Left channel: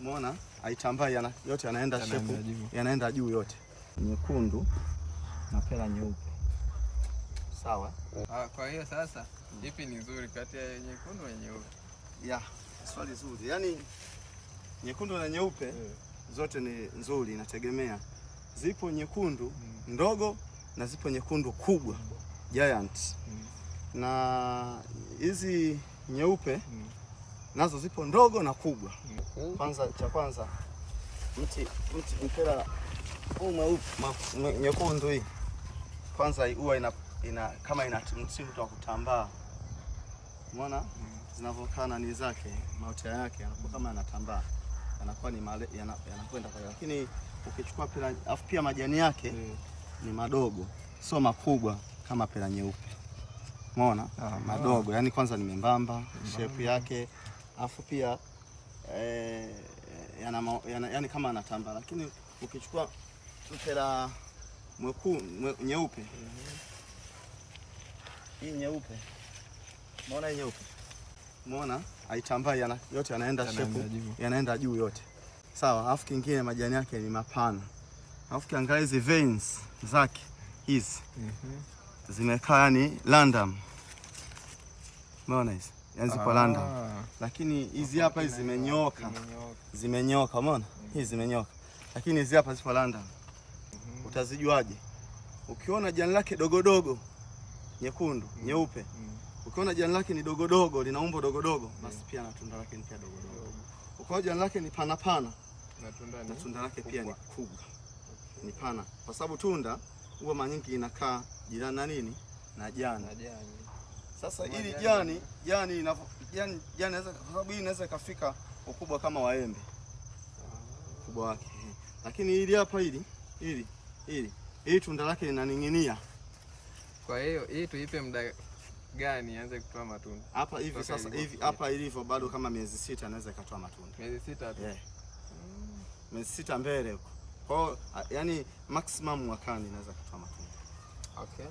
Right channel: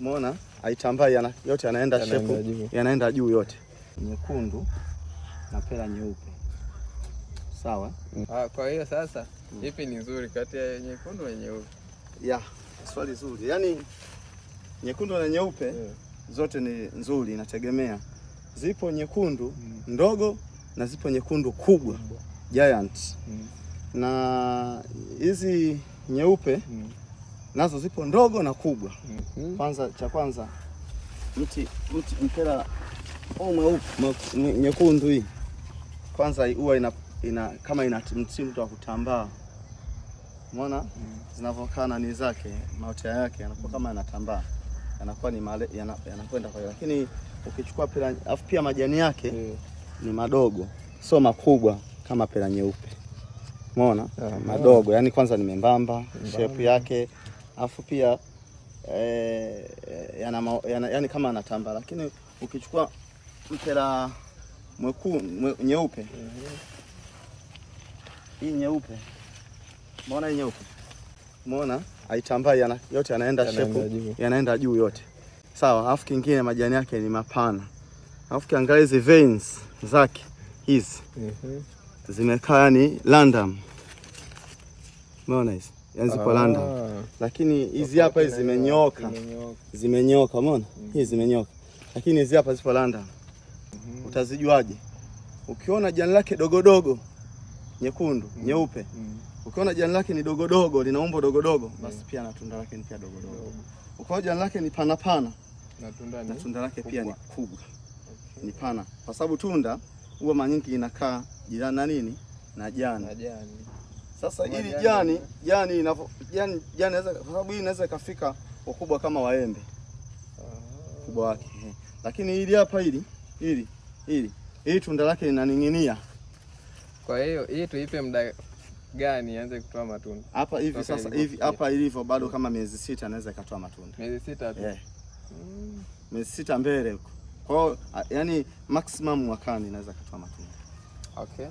Umeona? Haitambai, yote yanaenda shepu, yanaenda juu yote. Nyekundu na pera nyeupe. Sawa? Kwa hiyo sasa ipi ni nzuri kati ya nyekundu na nyeupe? Swali zuri. Yaani nyekundu na nyeupe zote ni nzuri, inategemea. Zipo nyekundu ndogo na zipo nyekundu kubwa, giant. Na hizi nyeupe nazo zipo ndogo na kubwa. Cha kwanza mpira nyekundu hii kwanza huwa kama ina mtindo wa kutambaa. Umeona? Zinavyokaa nani zake, maotea yake yanakuwa kama yanatambaa. Yanakuwa ni yanakwenda kwa hiyo. Lakini ukichukua pera afu pia majani yake ni madogo, sio makubwa kama pera nyeupe. Umeona? Madogo, yani kwanza ni membamba, shape yake, afu pia yani kama anatambaa. Lakini ukichukua mpira nyeupe, hii nyeupe, umeona hii nyeupe? Umeona? Haitambai, yote yanaenda shepu, yanaenda juu yote. Sawa, afu kingine majani yake ni mapana. Afu kiangalia hizi veins zake hizi. Zimekaa yani random. Umeona hizi? Yani zipo random. Lakini hizi hapa hizi zimenyooka. Zimenyooka, umeona? Hizi zimenyooka. Lakini hizi hapa zipo random. Utazijuaje? Ukiona jani lake dogo dogo nyekundu, nyeupe. Ukiona jani lake ni dogo dogo, lina umbo dogo dogo, basi pia na tunda lake ni pia dogo dogo. Ukiona jani lake ni pana pana, na tunda lake pia ni kubwa. Ni pana. Kwa sababu tunda huwa mara nyingi inakaa jirani na nini? Na jani. Sasa hili jani inaweza, kwa sababu hii inaweza ikafika ukubwa kama waembe. Ukubwa wake. Lakini hili hapa hili tunda lake linaning'inia. Kwa hiyo hii tuipe muda gani ianze kutoa matunda? Hapa hivi sasa hivi hapa ilivyo bado kama miezi 6 anaweza ikatoa matunda. Miezi 6 tu. Miezi 6 mbele huko. Kwa hiyo yani maximum mwakani inaweza kutoa matunda. Okay.